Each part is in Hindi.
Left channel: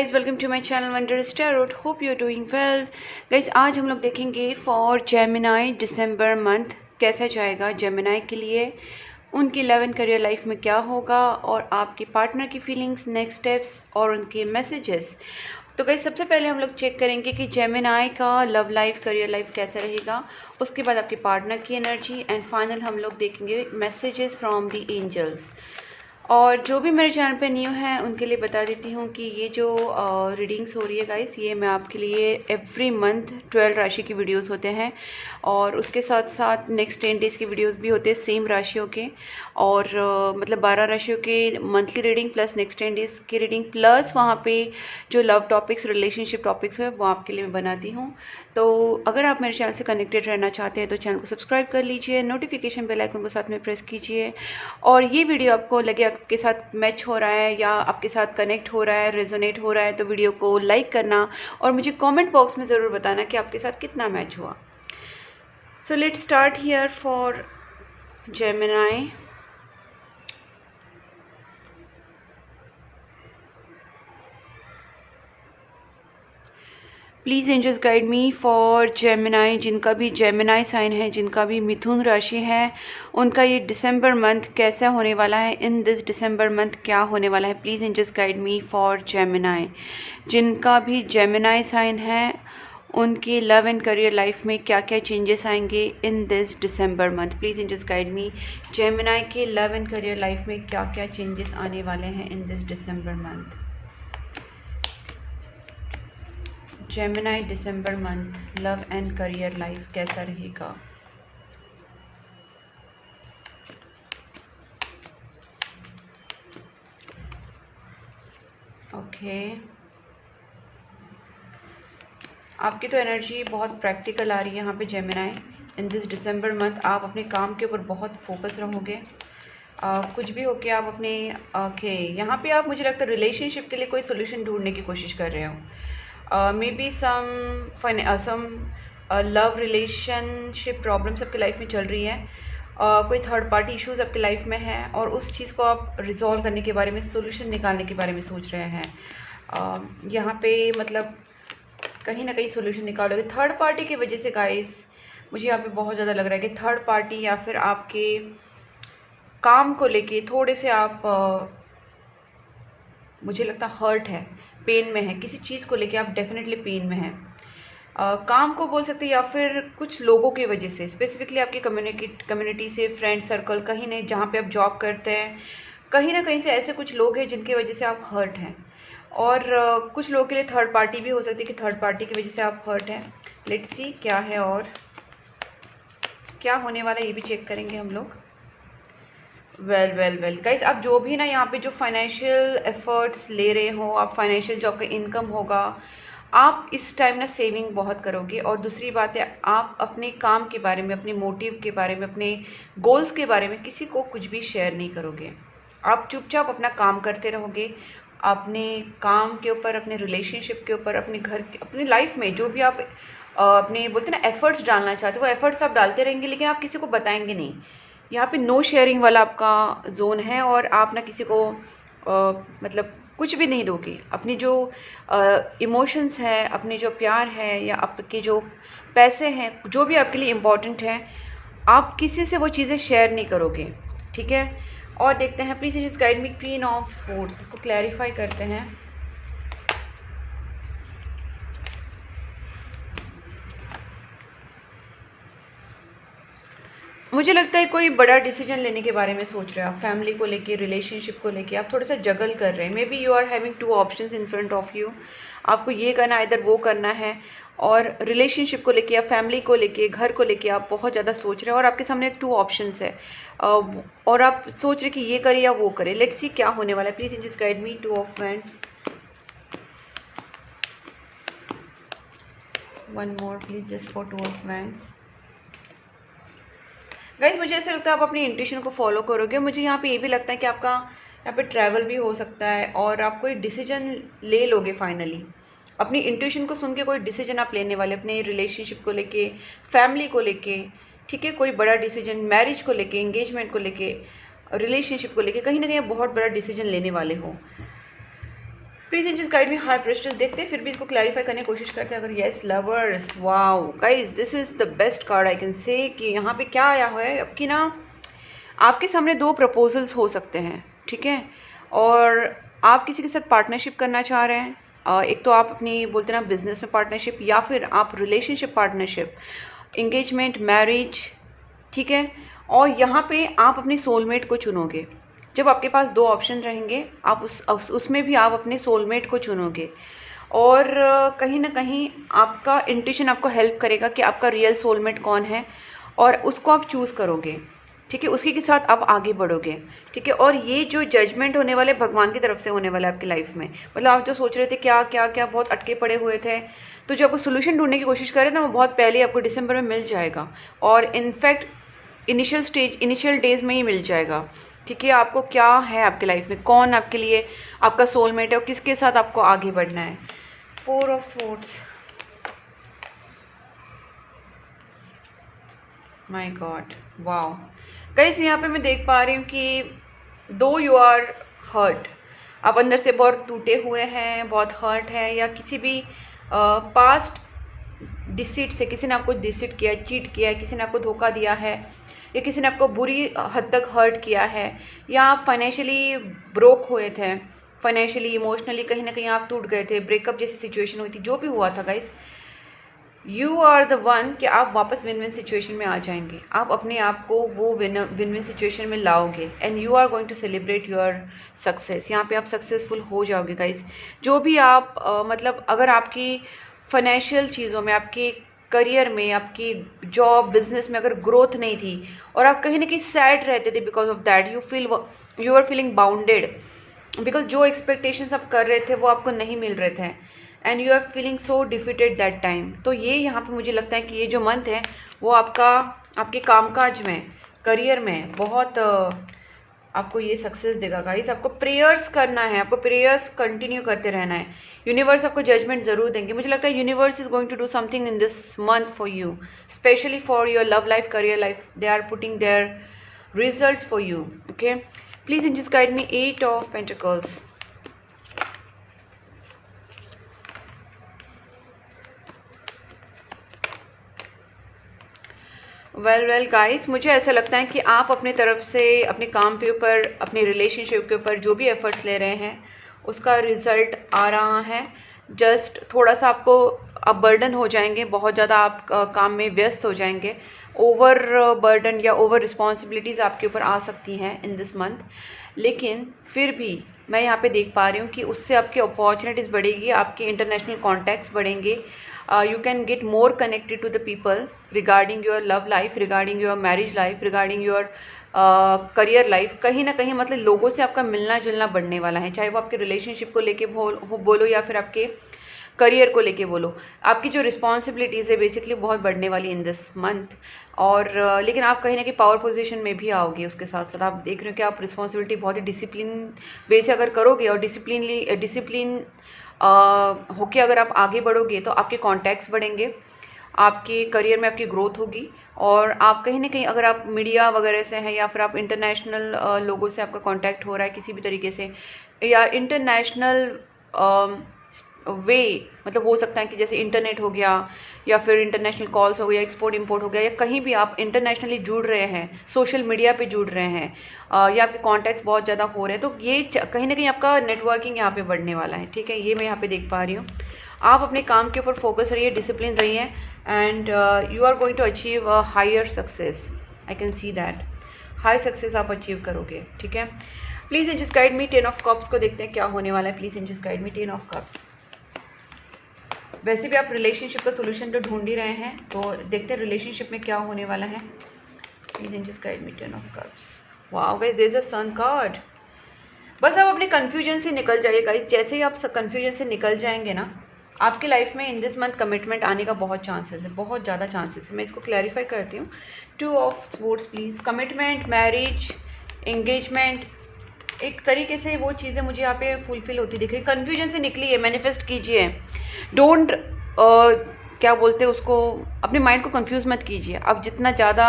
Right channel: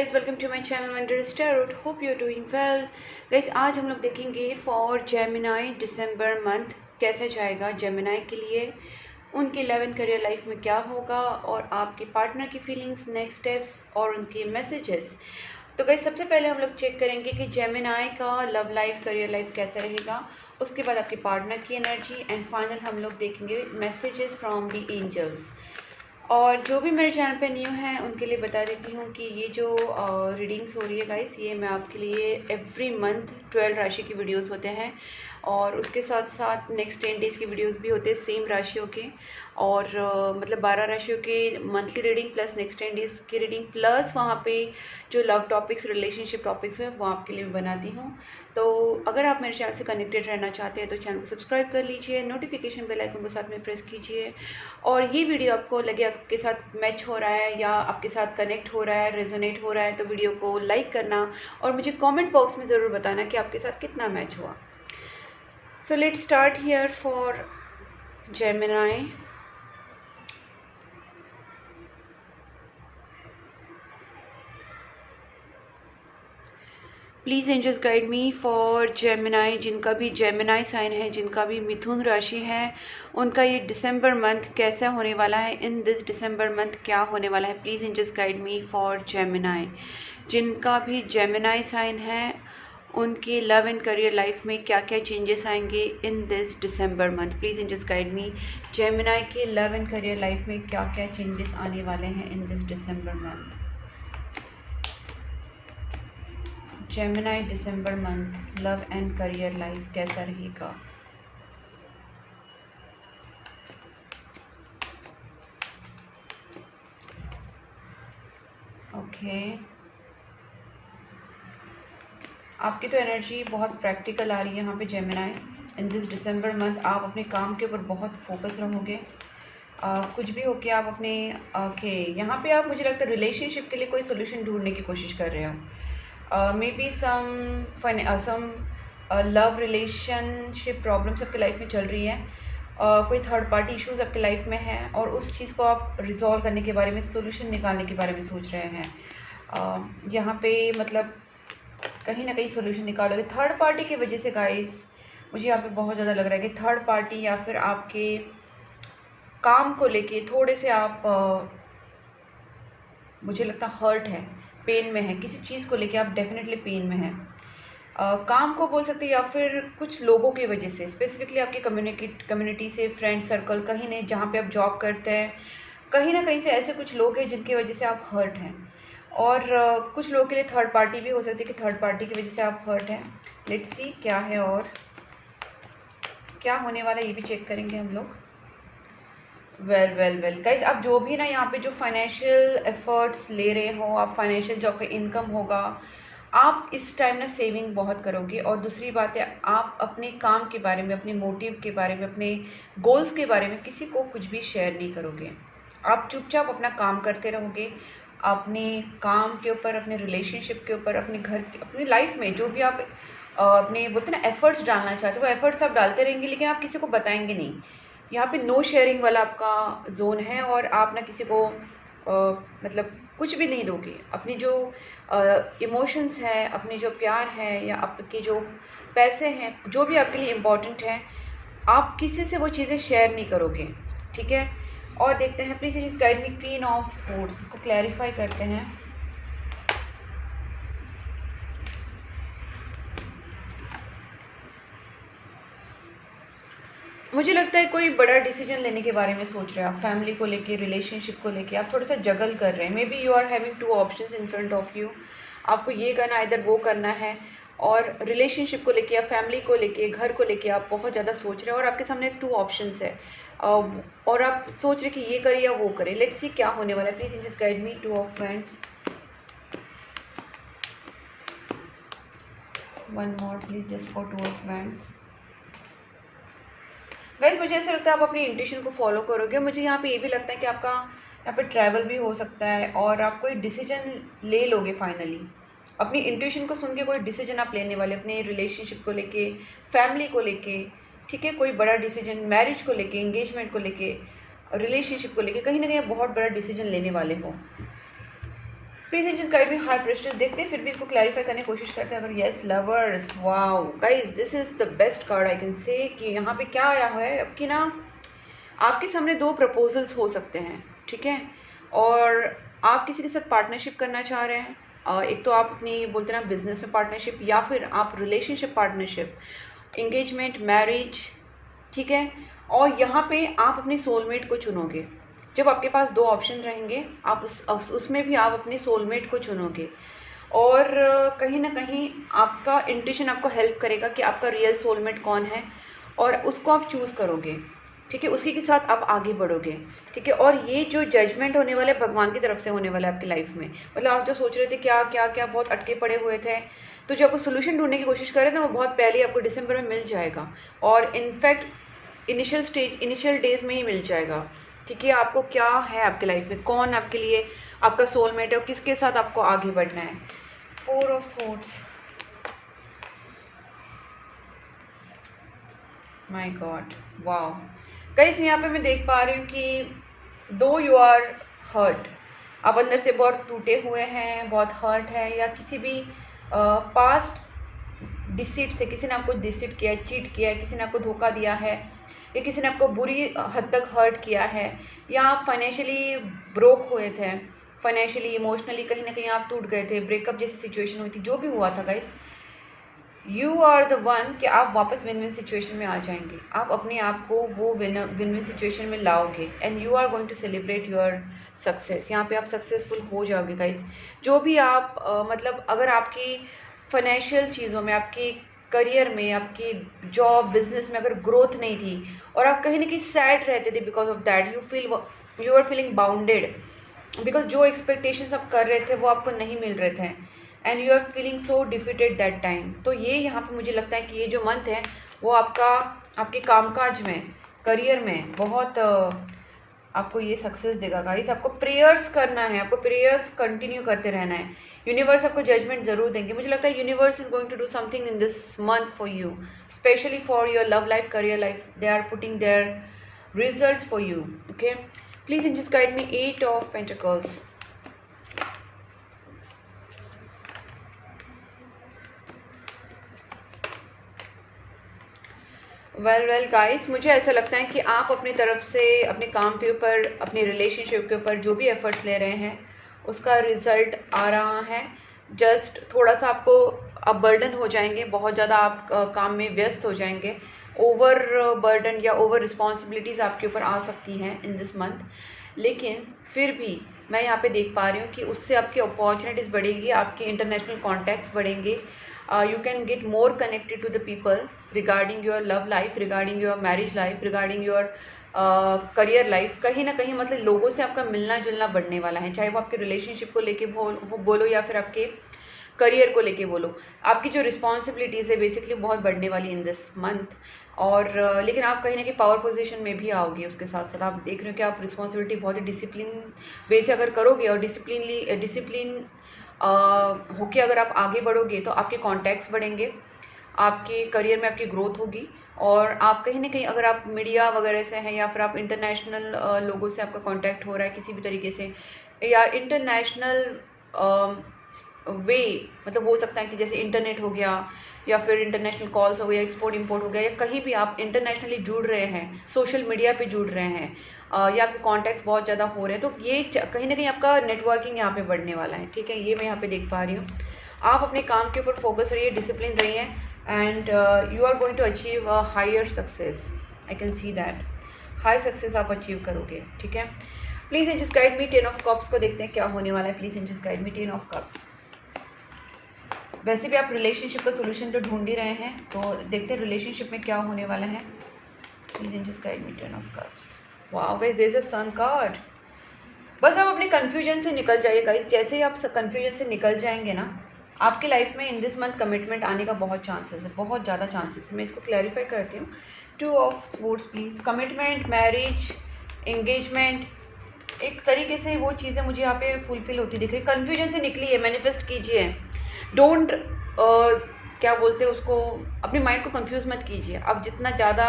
Guys, welcome to my channel Wonders Tarot. Hope you are doing well. Guys, आज हम लोग देखेंगे फॉर जेमिनाई दिसंबर मंथ कैसा जाएगा जेमिनाई के लिए, उनकी 11 करियर लाइफ में क्या होगा और आपके पार्टनर की फीलिंग्स, नेक्स्ट स्टेप्स और उनके मैसेजेस। तो गाइज, सबसे पहले हम लोग चेक करेंगे कि जेमिनाई का लव लाइफ, करियर लाइफ कैसा रहेगा, उसके बाद आपके पार्टनर की एनर्जी एंड फाइनल हम लोग देखेंगे मैसेजेस फ्रॉम द एंजल्स। और जो भी मेरे चैनल पे न्यू हैं उनके लिए बता देती हूँ कि ये जो रीडिंग्स हो रही है गाइस, ये मैं आपके लिए एवरी मंथ 12 राशि की वीडियोस होते हैं और उसके साथ साथ नेक्स्ट 10 डेज़ की वीडियोस भी होते हैं सेम राशियों के। और मतलब 12 राशियों के monthly reading plus next 10 days की रीडिंग प्लस वहाँ पे जो लव टॉपिक्स, रिलेशनशिप टॉपिक्स है वो आपके लिए मैं बनाती हूँ। तो अगर आप मेरे चैनल से कनेक्टेड रहना चाहते हैं तो चैनल को सब्सक्राइब कर लीजिए, नोटिफिकेशन बेल आइकन को साथ में प्रेस कीजिए। और ये वीडियो आपको लगे आपके साथ मैच हो रहा है या आपके साथ कनेक्ट हो रहा है, रेजोनेट हो रहा है, तो वीडियो को लाइक करना और मुझे कमेंट बॉक्स में ज़रूर बताना कि आपके साथ कितना मैच हुआ। So let's start here for Gemini. Please angels guide me for Gemini. जिनका भी जेमिनाई साइन है, जिनका भी मिथुन राशि है, उनका ये दिसंबर मंथ कैसा होने वाला है, इन दिस दिसंबर मंथ क्या होने वाला है। Please angels guide me for Gemini. जिनका भी जेमिनाई साइन है उनकी लव एंड करियर लाइफ में क्या क्या चेंजेस आएंगे in this December month. Please angels guide me. Gemini के लव एंड करियर लाइफ में क्या क्या चेंजेस आने वाले हैं in this December month. Gemini December month love and career life कैसा रहेगा। ओके, आपकी तो एनर्जी बहुत प्रैक्टिकल आ रही है यहाँ पे Gemini. In this December month आप अपने काम के ऊपर बहुत फोकस रहोगे। कुछ भी हो के आप अपने ओके यहाँ पे आप, मुझे लगता है रिलेशनशिप के लिए कोई सोल्यूशन ढूंढने की कोशिश कर रहे हो। Maybe some love relationship problems आपकी लाइफ में चल रही है। कोई थर्ड पार्टी इश्यूज आपकी लाइफ में है और उस चीज़ को आप रिजॉल्व करने के बारे में, सोल्यूशन निकालने के बारे में सोच रहे हैं। यहाँ पे मतलब कहीं ना कहीं सोल्यूशन निकालोगे थर्ड पार्टी की वजह से गाइस। मुझे यहाँ पे बहुत ज़्यादा लग रहा है कि थर्ड पार्टी या फिर आपके काम को लेके थोड़े से आप मुझे लगता है हर्ट है, पेन में है, किसी चीज़ को लेके आप डेफिनेटली पेन में है। काम को बोल सकते हैं या फिर कुछ लोगों की वजह से, स्पेसिफिकली आपकी कम्युनिटी से, फ्रेंड सर्कल, कहीं नहीं जहाँ पे आप जॉब करते हैं, कहीं ना कहीं से ऐसे कुछ लोग हैं जिनकी वजह से आप हर्ट हैं। और कुछ लोगों के लिए थर्ड पार्टी भी हो सकती है कि थर्ड पार्टी की वजह से आप हर्ट हैं। लेट्स सी क्या है और क्या होने वाला है, ये भी चेक करेंगे हम लोग। वेल गाइस, आप जो भी ना यहाँ पे जो फाइनेंशियल एफर्ट्स ले रहे हो, आप फाइनेंशियल जो आपका इनकम होगा, आप इस टाइम ना सेविंग बहुत करोगे। और दूसरी बात है, आप अपने काम के बारे में, अपने मोटिव के बारे में, अपने गोल्स के बारे में किसी को कुछ भी शेयर नहीं करोगे। आप चुपचाप अपना काम करते रहोगे, अपने काम के ऊपर, अपने रिलेशनशिप के ऊपर, अपने घर, अपनी लाइफ में जो भी आप अपने बोलते हैं ना एफर्ट्स डालना चाहते हो, वो एफर्ट्स आप डालते रहेंगे, लेकिन आप किसी को बताएंगे नहीं। यहाँ पे नो शेयरिंग वाला आपका जोन है और आप ना किसी को मतलब कुछ भी नहीं दोगे। अपनी जो इमोशंस है, अपने जो प्यार है या आपके जो पैसे हैं, जो भी आपके लिए इम्पोर्टेंट है, आप किसी से वो चीज़ें शेयर नहीं करोगे, ठीक है। और देखते हैं, please just guide me queen of sports, इसको क्लैरिफाई करते हैं। मुझे लगता है कोई बड़ा डिसीजन लेने के बारे में सोच रहे हैं आप, फैमिली को लेके, रिलेशनशिप को लेके आप थोड़ा सा जगल कर रहे हैं। Maybe you are having 2 options in front of you. आपको ये करना है, इधर वो करना है। और रिलेशनशिप को लेके या फैमिली को लेके, घर को लेके आप बहुत ज़्यादा सोच रहे हैं और आपके सामने 2 ऑप्शंस है और आप सोच रहे कि ये करे या वो करे। लेट्स सी क्या होने वाला है। Please just guide me 2 of wands, 1 more please just for 2 of wands. Guys, मुझे ऐसा लगता है आप अपनी इंट्यूशन को फॉलो करोगे। मुझे यहाँ पे ये भी लगता है कि आपका यहाँ पे ट्रैवल भी हो सकता है और आप कोई डिसीजन ले लोगे फाइनली। अपनी इंट्यूशन को सुन के कोई डिसीजन आप लेने वाले, अपने रिलेशनशिप को लेके, फैमिली को लेके, ठीक है। कोई बड़ा डिसीजन, मैरिज को लेके, एंगेजमेंट को लेके, रिलेशनशिप को लेके, कहीं ना कहीं बहुत बड़ा डिसीजन लेने वाले हो। प्लीज इन जिस गाइड में हाई प्रेस्टस देखते हैं, फिर भी इसको क्लैरिफाई करने की कोशिश करते हैं। अगर yes lovers, wow guys this is the best card I can से कि यहाँ पे क्या आया है आपकी ना, आपके सामने दो प्रपोजल्स हो सकते हैं, ठीक है, और आप किसी के साथ पार्टनरशिप करना चाह रहे हैं। एक तो आप अपनी बोलते ना बिजनेस में पार्टनरशिप, या फिर आप रिलेशनशिप पार्टनरशिप, इंगेजमेंट, मैरिज, ठीक है। और यहाँ पे आप अपनी सोलमेट को चुनोगे। जब आपके पास दो ऑप्शन रहेंगे, आप उसमें भी आप अपने सोलमेट को चुनोगे, और कहीं ना कहीं आपका इंट्यूशन आपको हेल्प करेगा कि आपका रियल सोलमेट कौन है, और उसको आप चूज़ करोगे, ठीक है, उसी के साथ आप आगे बढ़ोगे, ठीक है। और ये जो जजमेंट होने वाले भगवान की तरफ से होने वाला है आपकी लाइफ में, मतलब आप जो सोच रहे थे क्या क्या क्या बहुत अटके पड़े हुए थे, तो जो आपको सोल्यूशन ढूंढने की कोशिश कर रहे थे वो बहुत पहले आपको दिसंबर में मिल जाएगा, और इनफैक्ट इनिशियल डेज में ही मिल जाएगा, ठीक है। आपको क्या है आपकी लाइफ में, कौन आपके लिए आपका सोलमेट है और किसके साथ आपको आगे बढ़ना है। 4 of swords, my God, wow guys, यहाँ पे मैं देख पा रही हूँ कि दो यू आर हर्ट, आप अंदर से बहुत टूटे हुए हैं, बहुत हर्ट है, या किसी भी पास्ट डिसीट से किसी ने आपको डिसीट किया, चीट किया है, किसी ने आपको धोखा दिया है, या किसी ने आपको बुरी हद तक हर्ट किया है, या आप फाइनेंशियली ब्रोक हुए थे, फाइनेंशियली इमोशनली कहीं ना कहीं आप टूट गए थे, ब्रेकअप जैसी सिचुएशन हुई थी, जो भी हुआ था guys, you are the one कि आप वापस विन विन सिचुएशन में आ जाएंगे, आप अपने आप को वो विन विन सिचुएशन में लाओगे, and you are going to celebrate your success. यहाँ पे आप सक्सेसफुल हो जाओगे गाइस। जो भी आप मतलब अगर आपकी फाइनेंशियल चीज़ों में, आपके करियर में, आपकी जॉब बिजनेस में अगर ग्रोथ नहीं थी, और आप कहीं ना कहीं सैड रहते थे because of that, you are feeling bounded, because जो एक्सपेक्टेशंस आप कर रहे थे वो आपको नहीं मिल रहे थे, and you are feeling so defeated that time. तो ये यहाँ पे मुझे लगता है कि ये जो मंथ है वो आपके कामकाज में, करियर में बहुत आपको ये सक्सेस देगा गाइस। आपको प्रेयर्स करना है, आपको प्रेयर्स कंटिन्यू करते रहना है। यूनिवर्स आपको जजमेंट जरूर देंगे, मुझे लगता है universe is going to do something in this month for you, specially for your love life, career life, they are putting their results for you, okay. Please in just guide me 8 of pentacles. Well guys, मुझे ऐसा लगता है कि आप अपनी तरफ से अपने काम के ऊपर, अपनी रिलेशनशिप के ऊपर जो भी एफर्ट्स ले रहे हैं उसका रिजल्ट आ रहा है। जस्ट थोड़ा सा आपको अब बर्डन हो जाएंगे, बहुत ज़्यादा आप काम में व्यस्त हो जाएंगे, ओवर बर्डन या ओवर रिस्पॉन्सिबिलिटीज़ आपके ऊपर आ सकती हैं इन दिस मंथ, लेकिन फिर भी मैं यहाँ पे देख पा रही हूँ कि उससे आपकी अपॉर्चुनिटीज़ बढ़ेगी, आपके इंटरनेशनल कॉन्टैक्ट्स बढ़ेंगे, you can get more connected to the people regarding your love life, regarding your marriage life, regarding your career life। कहीं ना कहीं मतलब लोगों से आपका मिलना जुलना बढ़ने वाला है, चाहे वो आपके रिलेशनशिप को लेके बोलो या फिर आपके करियर को लेके बोलो। आपकी जो रिस्पॉन्सिबिलिटीज़ है बेसिकली बहुत बढ़ने वाली इन दिस मंथ, और लेकिन आप कहीं ना कहीं पावर पोजीशन में भी आओगे। उसके साथ साथ आप देख रहे हो कि आप रिस्पॉन्सिबिलिटी बहुत ही डिसिप्लिन वे से अगर करोगे और डिसिप्लिन होके अगर आप आगे बढ़ोगे तो आपके कॉन्टैक्ट्स बढ़ेंगे, आपके करियर में आपकी ग्रोथ होगी, और आप कहीं ना कहीं अगर आप मीडिया वगैरह से हैं या फिर आप इंटरनेशनल लोगों से आपका कांटेक्ट हो रहा है किसी भी तरीके से, या इंटरनेशनल वे, मतलब हो सकता है कि जैसे इंटरनेट हो गया या फिर इंटरनेशनल कॉल्स हो गया, एक्सपोर्ट इंपोर्ट हो गया, या कहीं भी आप इंटरनेशनली जुड़ रहे हैं, सोशल मीडिया पे जुड़ रहे हैं, या आपके कॉन्टैक्ट्स बहुत ज़्यादा हो रहे हैं, तो ये कहीं ना कहीं आपका नेटवर्किंग यहाँ पे बढ़ने वाला है, ठीक है। ये मैं यहाँ पे देख पा रही हूँ। आप अपने काम के ऊपर फोकस रहिए, डिसिप्लिन रहिए, and you are going to achieve a higher success. I can see that high success आप अचीव करोगे, ठीक है। Please in just guide me 10 of cups को देखते हैं क्या होने वाला है। Please in just guide me 10 of cups. वैसे भी आप रिलेशनशिप का सोल्यूशन तो ढूंढ ही रहे हैं, तो देखते हैं रिलेशनशिप में क्या होने वाला है। Please in just guide me 10 of cups. Wow guys, there is a sun card. बस आप अपने कंफ्यूजन से निकल जाइए गाइस। जैसे ही आप कंफ्यूजन से निकल जाएंगे ना, आपकी लाइफ में इन दिस मंथ कमिटमेंट आने का बहुत चांसेस है, बहुत ज़्यादा चांसेस है। मैं इसको क्लैरिफाई करती हूँ। 2 of swords please. Commitment, marriage, engagement, एक तरीके से वो चीज़ें मुझे यहाँ पे फुलफिल होती दिख रही। कन्फ्यूजन से निकलिए, मैनिफेस्ट कीजिए। डोंट क्या बोलते हैं उसको, अपने माइंड को कंफ्यूज मत कीजिए। आप जितना ज़्यादा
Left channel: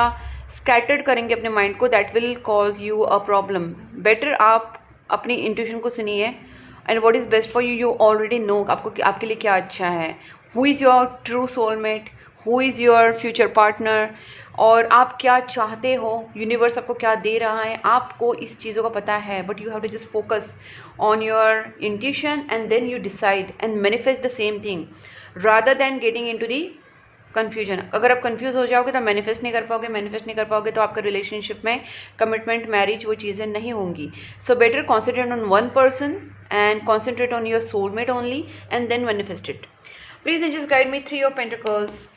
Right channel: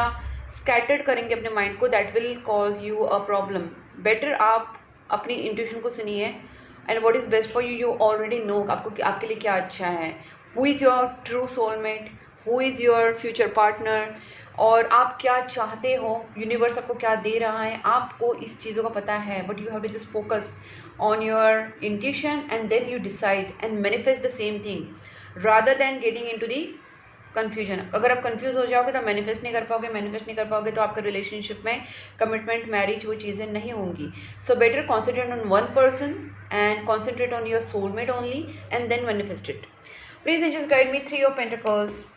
स्कैटर्ड करेंगे अपने माइंड को, that will cause you a problem. Better आप अपनी इंट्यूशन को सुनिए, and what is best for you, you already know आपको आपके लिए क्या अच्छा है। Who is your true soulmate, who is your future partner, और आप क्या चाहते हो, यूनिवर्स आपको क्या दे रहा है, आपको इस चीज़ों का पता है। But you have to just focus on your intuition and then you decide and manifest the same thing rather than getting into the confusion. अगर आप कंफ्यूज हो जाओगे तो मैनिफेस्ट नहीं कर पाओगे, मैनिफेस्ट नहीं कर पाओगे तो आपका रिलेशनशिप में कमिटमेंट, मैरिज, वो चीज़ें नहीं होंगी। So better concentrate on one person and concentrate on your soulmate only and then manifest it. Please just guide me 3 of pentacles.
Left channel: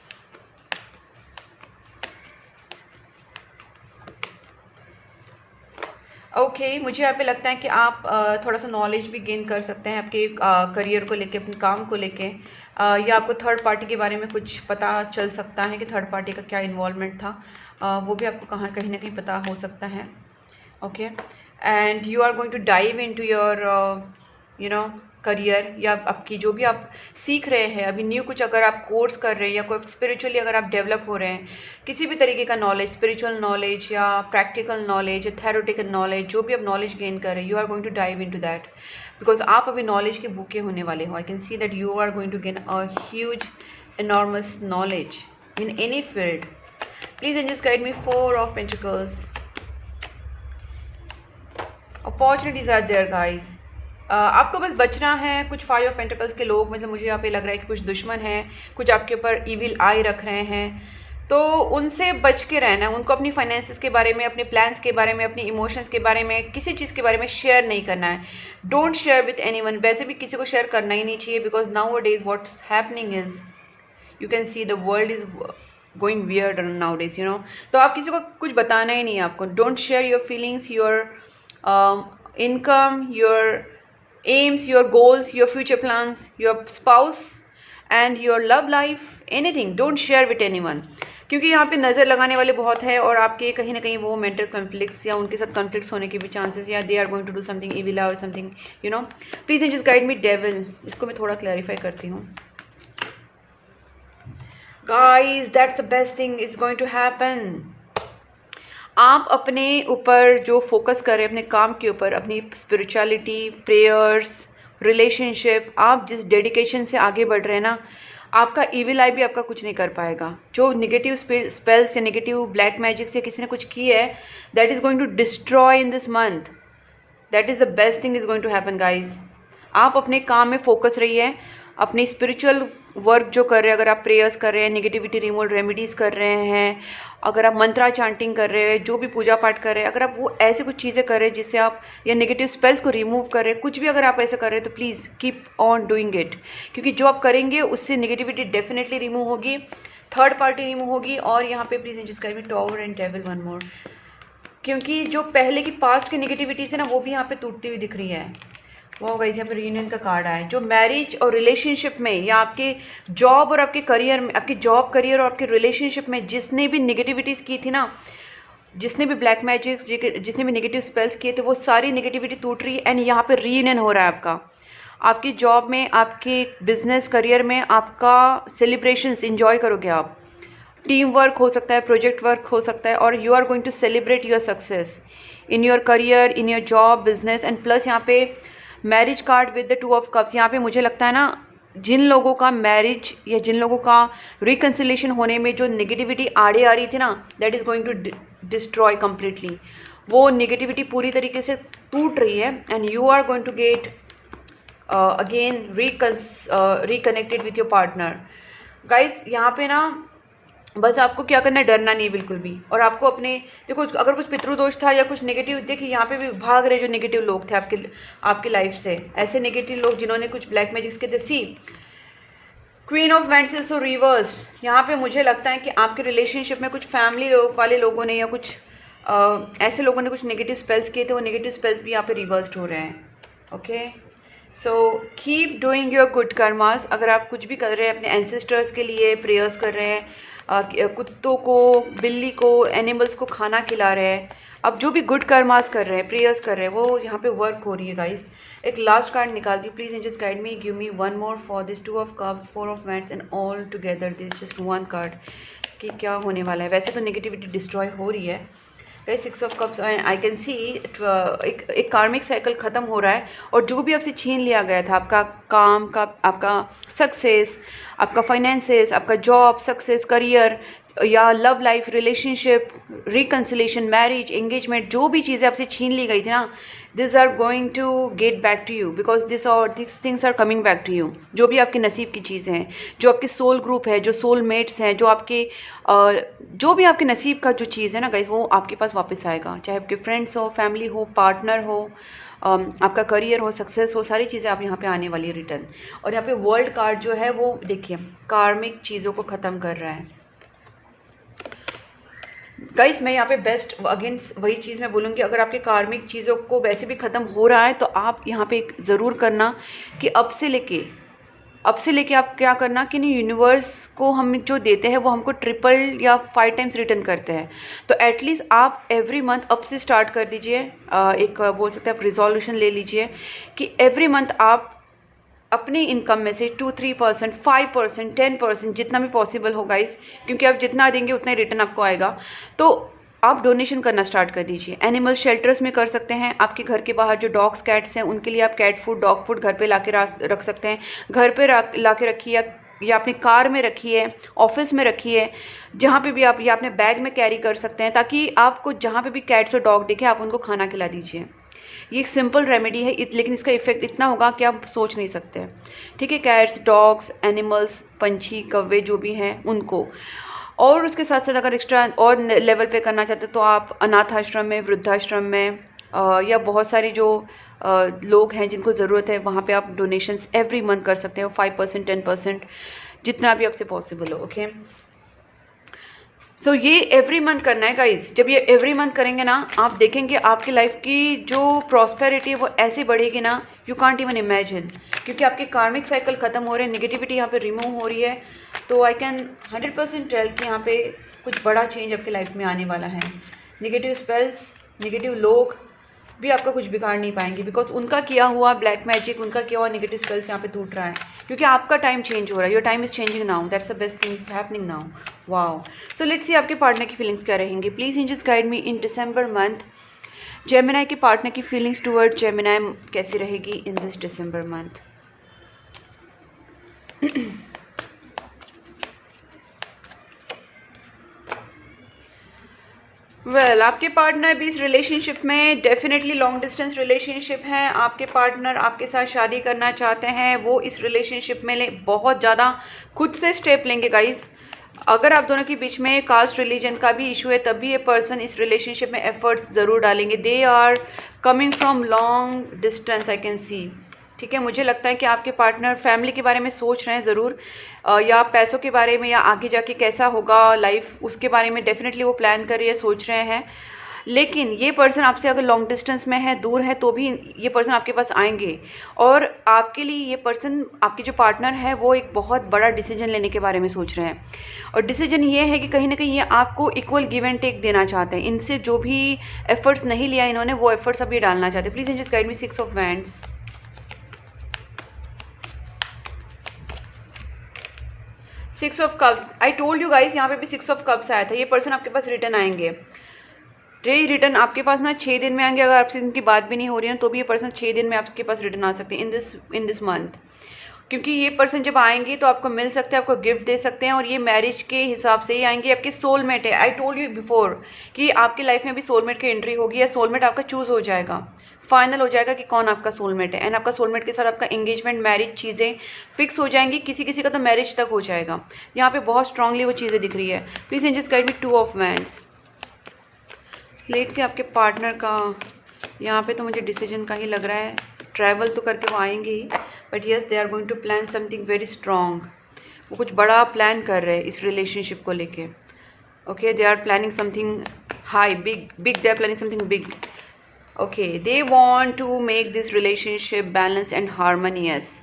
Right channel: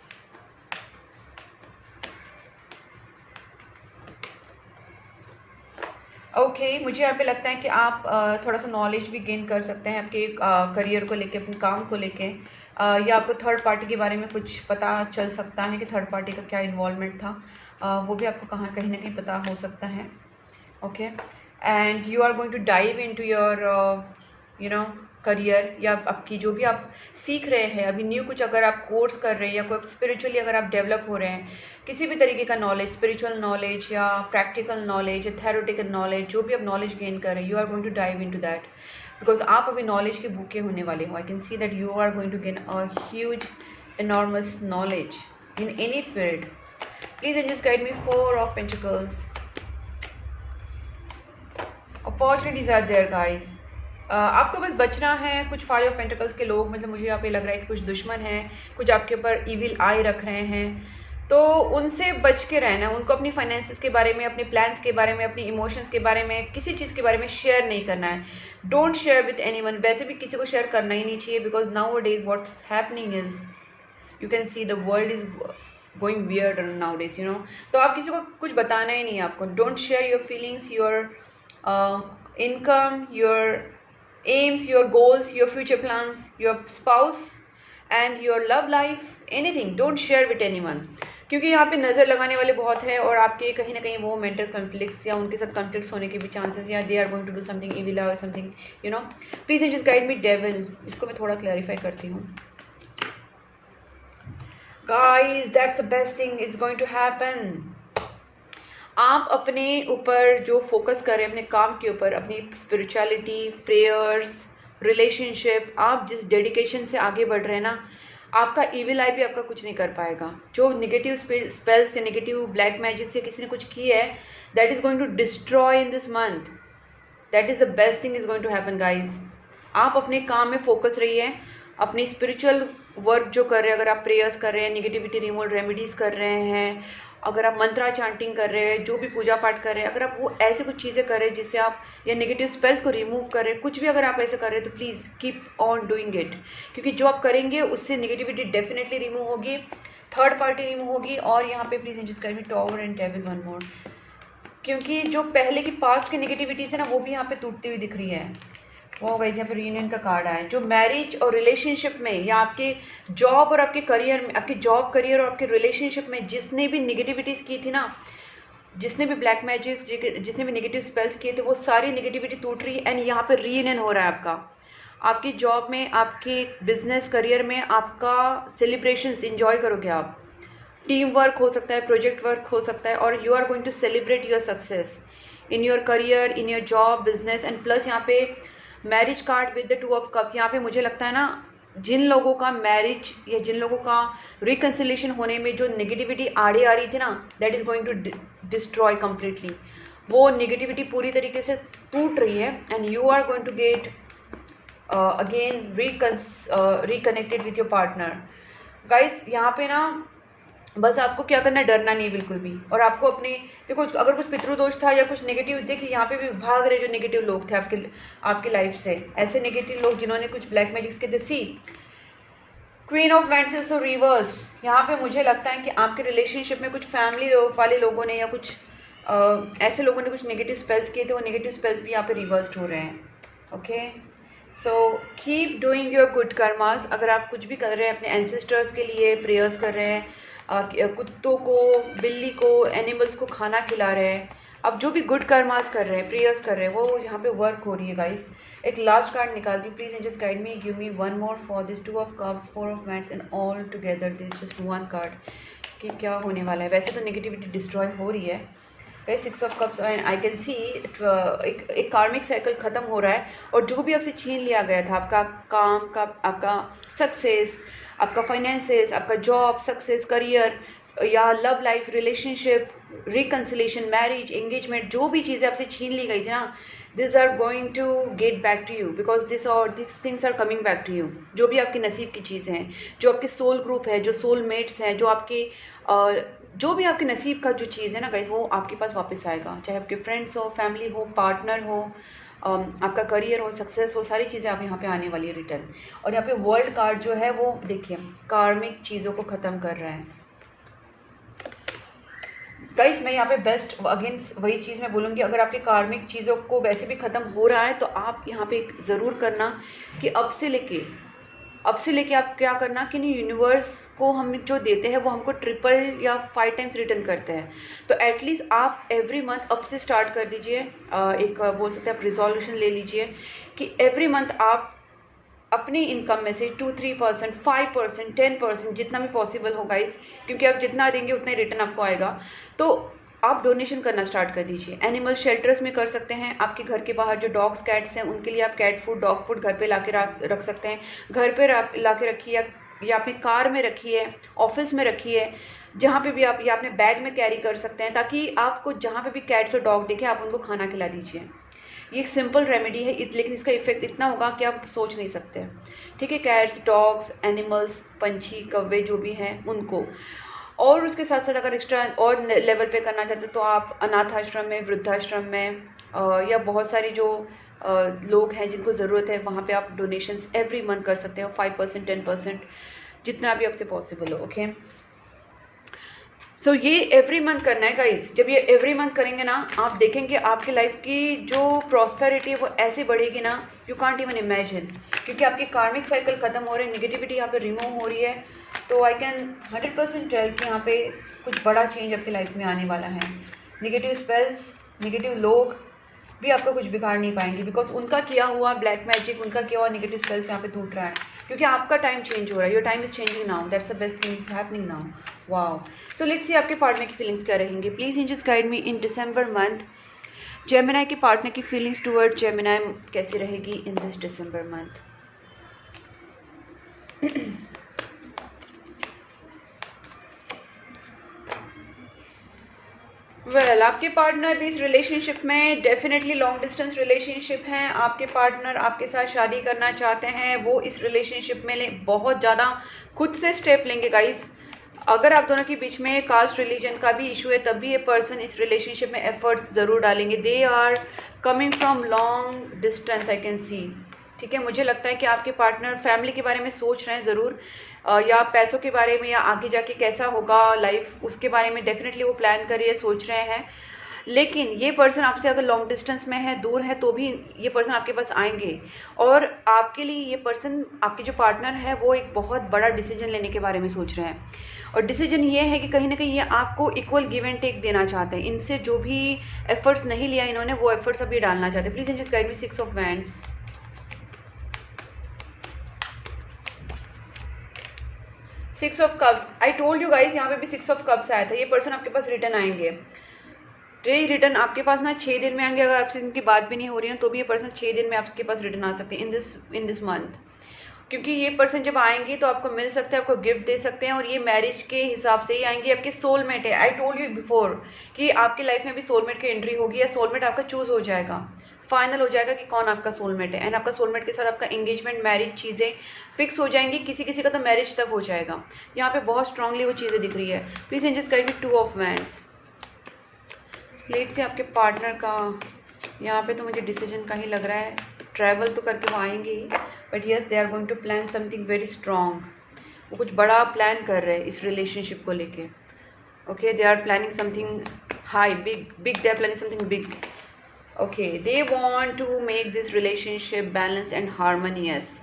Okay मुझे यहाँ पे लगता है कि आप थोड़ा सा नॉलेज भी गेन कर सकते हैं आपके करियर को लेके, अपने काम को लेके, या आपको थर्ड पार्टी के बारे में कुछ पता चल सकता है कि थर्ड पार्टी का क्या इन्वॉल्वमेंट था, वो भी आपको कहीं ना कहीं पता हो सकता है। Okay and you are going to dive into your you know career, या आपकी जो भी आप सीख रहे हैं अभी न्यू कुछ, अगर आप कोर्स कर रहे हैं या कोई स्पिरिचुअली अगर आप डेवलप हो रहे हैं, किसी भी तरीके का नॉलेज, स्पिरिचुअल नॉलेज या प्रैक्टिकल नॉलेज या थेरोटिकल नॉलेज, जो भी आप नॉलेज गेन कर रहे हैं, you are going to dive into that because आप अभी नॉलेज के भूखे होने वाले हो। I can see that you are going to gain a huge enormous knowledge in any field. Please and just guide me 4 of Pentacles. Opportunities are there guys. आपको बस बचना है। कुछ 5 ऑफ पेंटिकल्स के लोग, मतलब मुझे यहाँ पे लग रहा है कि कुछ दुश्मन हैं, कुछ आपके ऊपर इविल आई रख रहे हैं, तो उनसे बच के रहना है। उनको अपनी फाइनेंसेस के बारे में, अपने प्लान्स के बारे में, अपनी इमोशंस के बारे में, किसी चीज़ के बारे में शेयर नहीं करना है। Don't share with anyone. वैसे भी किसी को शेयर करना ही नहीं चाहिए because now days what's happening is you can see the world is going weird now days, you know. तो आप किसी को कुछ बताना ही नहीं है आपको। Don't share your feelings, your income, your aims, your goals, your future plans, your spouse and your love life, anything. Don't share with anyone. क्योंकि यहाँ पे नज़र लगाने वाले बहुत हैं और आपके कहीं ना कहीं वो मेंटल कॉन्फ्लिक्ट्स या उनके साथ कॉन्फ्लिक्ट्स होने के भी चांसेस, या they are going to do something evil और something, you know. Please just guide me devil. इसको मैं थोड़ा क्लैरिफाई करती हूँ। Guys that's the best thing is going to happen. आप अपने ऊपर जो फोकस करें, अपने काम के ऊपर, अपनी स्पिरिचुअलिटी, प्रेयर्स, रिलेशनशिप, आप जिस डेडिकेशन से आगे बढ़ रहे हैं ना, आपका इविल आई भी आपका कुछ नहीं कर पाएगा। जो नेगेटिव स्पेल्स या नेगेटिव ब्लैक मैजिक से किसी ने कुछ की है, that is going to destroy in this month. That is the best thing is going to happen guys. आप अपने काम में फोकस रहिए, अपनी स्पिरिचुअल वर्क जो कर रहे हैं, अगर आप प्रेयर्स कर रहे हैं, नेगेटिविटी रिमूवल रेमेडीज़ कर रहे हैं, अगर आप मंत्रा चांटिंग कर रहे हैं, जो भी पूजा पाठ कर रहे हैं, अगर आप वो ऐसे कुछ चीज़ें कर रहे हैं जिससे आप, या नेगेटिव स्पेल्स को रिमूव कर रहे हैं, कुछ भी अगर आप ऐसा कर रहे हैं तो please keep on doing it. क्योंकि जो आप करेंगे उससे नेगेटिविटी डेफिनेटली रिमूव होगी, थर्ड पार्टी रिमूव होगी। और यहाँ पे प्लीज़ जिसका भी tower and table one more, क्योंकि जो पहले की पास्ट की नेगेटिविटीज़ है ना, वो भी यहाँ पे टूटती हुई दिख रही है। वो गाइस यहाँ पे रीयूनियन का कार्ड आया है। जो मैरिज और रिलेशनशिप में, या आपके जॉब और आपके करियर में, आपकी जॉब, करियर और आपके रिलेशनशिप में जिसने भी नेगेटिविटीज़ की थी ना, जिसने भी ब्लैक मैजिक्स, जिसने भी नेगेटिव स्पेल्स किए थे, वो सारी नेगेटिविटी टूट रही है एंड यहाँ पे रीयूनियन हो रहा है आपका। आपकी जॉब में, आपके बिजनेस करियर में आपका सेलिब्रेशंस इंजॉय करोगे आप। टीम वर्क हो सकता है, प्रोजेक्ट वर्क हो सकता है, और you are going to celebrate your success in your career, in your job, business. And plus यहाँ पे marriage card with the 2 of cups. यहाँ पे मुझे लगता है ना, जिन लोगों का मैरिज या जिन लोगों का रिकन्सिलेशन होने में जो नेगेटिविटी आड़े आ रही थी ना, that is going to destroy completely. वो नेगेटिविटी पूरी तरीके से टूट रही है and you are going to get again reconnected with your partner. Guys यहाँ पे ना बस आपको क्या करना है, डरना नहीं बिल्कुल भी। और आपको अपने, देखो अगर कुछ पितृदोष था या कुछ नेगेटिव, देखिए यहाँ पे भी भाग रहे जो नेगेटिव लोग थे आपकी लाइफ से, ऐसे नेगेटिव लोग जिन्होंने कुछ ब्लैक मैजिक्स के सी क्वीन ऑफ वेंटल्स और रिवर्स। यहाँ पे मुझे लगता है कि आपके रिलेशनशिप में कुछ फैमिली वाले लोगों ने या कुछ ऐसे लोगों ने कुछ नेगेटिव स्पेल्स किए थे, वो नेगेटिव स्पेल्स भी यहाँ पे रिवर्स्ड हो रहे हैं। Okay so keep doing your good karmas. अगर आप कुछ भी कर रहे हैं, अपने एंसेस्टर्स के लिए प्रेयर्स कर रहे हैं, कुत्तों को, बिल्ली को, एनिमल्स को खाना खिला रहे हैं, अब जो भी गुड कर्मास कर रहे हैं, प्रेयर्स कर रहे हैं, वो यहाँ पे वर्क हो रही है गाइस। एक लास्ट कार्ड निकालती हूँ, please just guide me, give me one more for this 2 of cups, 4 of wands and all together this just 1 card कि क्या होने वाला है। वैसे तो नेगेटिविटी डिस्ट्रॉय हो रही है, guys 6 of cups I can सी एक कार्मिक साइकिल ख़त्म हो रहा है, और जो भी आपसे छीन लिया गया था, आपका काम का, आपका सक्सेस, आपका फाइनेंसेस, आपका जॉब सक्सेस, करियर या love life, relationship, reconciliation, marriage, engagement, जो भी चीज़ें आपसे छीन ली गई थी ना, this are going to get back to you, because this things are coming back to you. जो भी आपके नसीब की चीज़ें हैं, जो आपके सोल ग्रुप है, जो सोल मेट्स हैं, जो आपके जो भी आपके नसीब का जो चीज़ है ना गाइस, वो आपके पास वापस आएगा। चाहे आपके फ्रेंड्स हो, फैमिली हो, पार्टनर हो, आपका करियर हो, सक्सेस हो, सारी चीज़ें आप यहाँ पे आने वाली है रिटर्न। और यहाँ पे वर्ल्ड कार्ड जो है वो देखिए कार्मिक चीज़ों को ख़त्म कर रहा है। गाइस मैं यहाँ पे बेस्ट अगेन वही चीज़ मैं बोलूँगी, अगर आपके कार्मिक चीज़ों को वैसे भी ख़त्म हो रहा है तो आप यहाँ पे ज़रूर करना कि अब से लेके आप क्या करना कि नहीं, यूनिवर्स को हम जो देते हैं वो हमको ट्रिपल या 5 टाइम्स रिटर्न करते हैं। तो एटलीस्ट आप एवरी मंथ अब से स्टार्ट कर दीजिए, एक बोल सकते हैं आप रिजोल्यूशन ले लीजिए कि एवरी मंथ आप अपनी इनकम में से 2-3%, 5%, 10%, जितना भी पॉसिबल होगा इस, क्योंकि आप जितना देंगे उतना ही रिटर्न आपको आएगा, तो आप डोनेशन करना स्टार्ट कर दीजिए। एनिमल शेल्टर्स में कर सकते हैं, आपके घर के बाहर जो डॉग्स कैट्स हैं उनके लिए आप कैट फूड, डॉग फूड घर पे लाके रख सकते हैं। घर पे लाके रखिए, या अपनी कार में रखिए, ऑफिस में रखिए, जहाँ पे भी आप, या अपने बैग में कैरी कर सकते हैं, ताकि आपको जहाँ पे भी कैट्स और डॉग दिखे आप उनको खाना खिला दीजिए। ये एक सिंपल रेमेडी है, लेकिन इसका इफेक्ट इतना होगा कि आप सोच नहीं सकते। ठीक है, कैट्स, डॉग्स, एनिमल्स, पंछी, कौवे जो भी हैं उनको। और उसके साथ साथ अगर एक्स्ट्रा और लेवल पे करना चाहते हो तो आप अनाथ आश्रम में, वृद्धाश्रम में, या बहुत सारी जो लोग हैं जिनको ज़रूरत है वहाँ पे आप डोनेशंस एवरी मंथ कर सकते हो, 5%, 10%, जितना भी आपसे पॉसिबल हो। ओके, सो ये एवरी मंथ करना है गाइस। जब ये एवरी मंथ करेंगे ना, आप देखेंगे आपकी लाइफ की जो प्रॉस्पेरिटी है वो ऐसी बढ़ेगी ना, यू कांट इवन इमेजिन, क्योंकि आपके कार्मिक साइकिल खत्म हो रहे हैं, निगेटिविटी यहाँ पे रिमूव हो रही है। तो आई कैन 100% टेल कि यहाँ पे कुछ बड़ा चेंज आपकी लाइफ में आने वाला है। निगेटिव स्पेल्स, निगेटिव लोग भी आपका कुछ बिगाड़ नहीं पाएंगे, बिकॉज उनका किया हुआ ब्लैक मैजिक, उनका किया हुआ निगेटिव स्पेल्स यहाँ पे टूट रहा है, क्योंकि आपका टाइम चेंज हो रहा है। Your time is changing now, that's the best thing is happening now. Wow, so let's see आपके पार्टनर की फीलिंग्स क्या रहेंगी। Please angels guide me in December month. Gemini के पार्टनर की फीलिंग्स टुवर्ड जेमिनी कैसी रहेगी in this December month. Well आपके पार्टनर भी इस रिलेशनशिप में डेफिनेटली लॉन्ग डिस्टेंस रिलेशनशिप है। आपके पार्टनर आपके साथ शादी करना चाहते हैं, वो इस रिलेशनशिप में बहुत ज़्यादा खुद से स्टेप लेंगे गाइस। अगर आप दोनों के बीच में कास्ट रिलीजन का भी इशू है तब भी ये पर्सन इस रिलेशनशिप में एफर्ट्स ज़रूर डालेंगे। They are coming from long distance, I can see. ठीक है, मुझे लगता है कि आपके पार्टनर फैमिली के बारे में सोच रहे हैं ज़रूर, या पैसों के बारे में, या आगे जाके कैसा होगा लाइफ उसके बारे में डेफिनेटली वो प्लान कर रही है, सोच रहे हैं। लेकिन ये पर्सन आपसे अगर लॉन्ग डिस्टेंस में है, दूर है, तो भी ये पर्सन आपके पास आएंगे, और आपके लिए ये पर्सन, आपके जो पार्टनर है, वो एक बहुत बड़ा डिसीजन लेने के बारे में सोच रहे हैं। और डिसीजन ये है कि कहीं ना कहीं ये आपको इक्वल गिव एंड टेक देना चाहते हैं। इनसे जो भी एफर्ट्स नहीं लिया इन्होंने, वो एफर्ट्स अब ये डालना चाहते हैं। Please just guide me 6 of wands. Six of cups, I told you guys, यहाँ पे भी 6 ऑफ कप्स आया था। ये पर्सन आपके पास रिटर्न आएंगे। रिटर्न आपके पास ना 6 दिन में आएंगे। अगर आपसे इनकी बात भी नहीं हो रही है तो भी ये पर्सन 6 दिन में आपके पास रिटर्न आ सकते हैं इन दिस मंथ, क्योंकि ये पर्सन जब आएंगे तो आपको मिल सकते हैं, आपको गिफ्ट दे सकते हैं, और ये मैरिज के हिसाब से ही आएंगे। आपके सोलमेट है। आई टोल्ड यू बिफोर कि आपकी लाइफ में भी सोलमेट की एंट्री होगी, या सोलमेट आपका चूज हो जाएगा, फाइनल हो जाएगा कि कौन आपका सोलमेट है। एंड आपका सोलमेट के साथ आपका एंगेजमेंट, मैरिज चीज़ें फिक्स हो जाएंगी। किसी किसी का तो मैरिज तक हो जाएगा। यहाँ पे बहुत स्ट्रांगली वो चीज़ें दिख रही है। Please angels guide me 2 of wands. Late से आपके पार्टनर का यहाँ पे तो मुझे डिसीजन का ही लग रहा है। ट्रैवल तो करके वो आएंगे ही, but yes they are going to plan something very strong. वो कुछ बड़ा प्लान कर रहे हैं इस रिलेशनशिप को लेके। Okay, they are planning something high, big they are planning something big. Okay, they want to make this relationship balance and harmonious.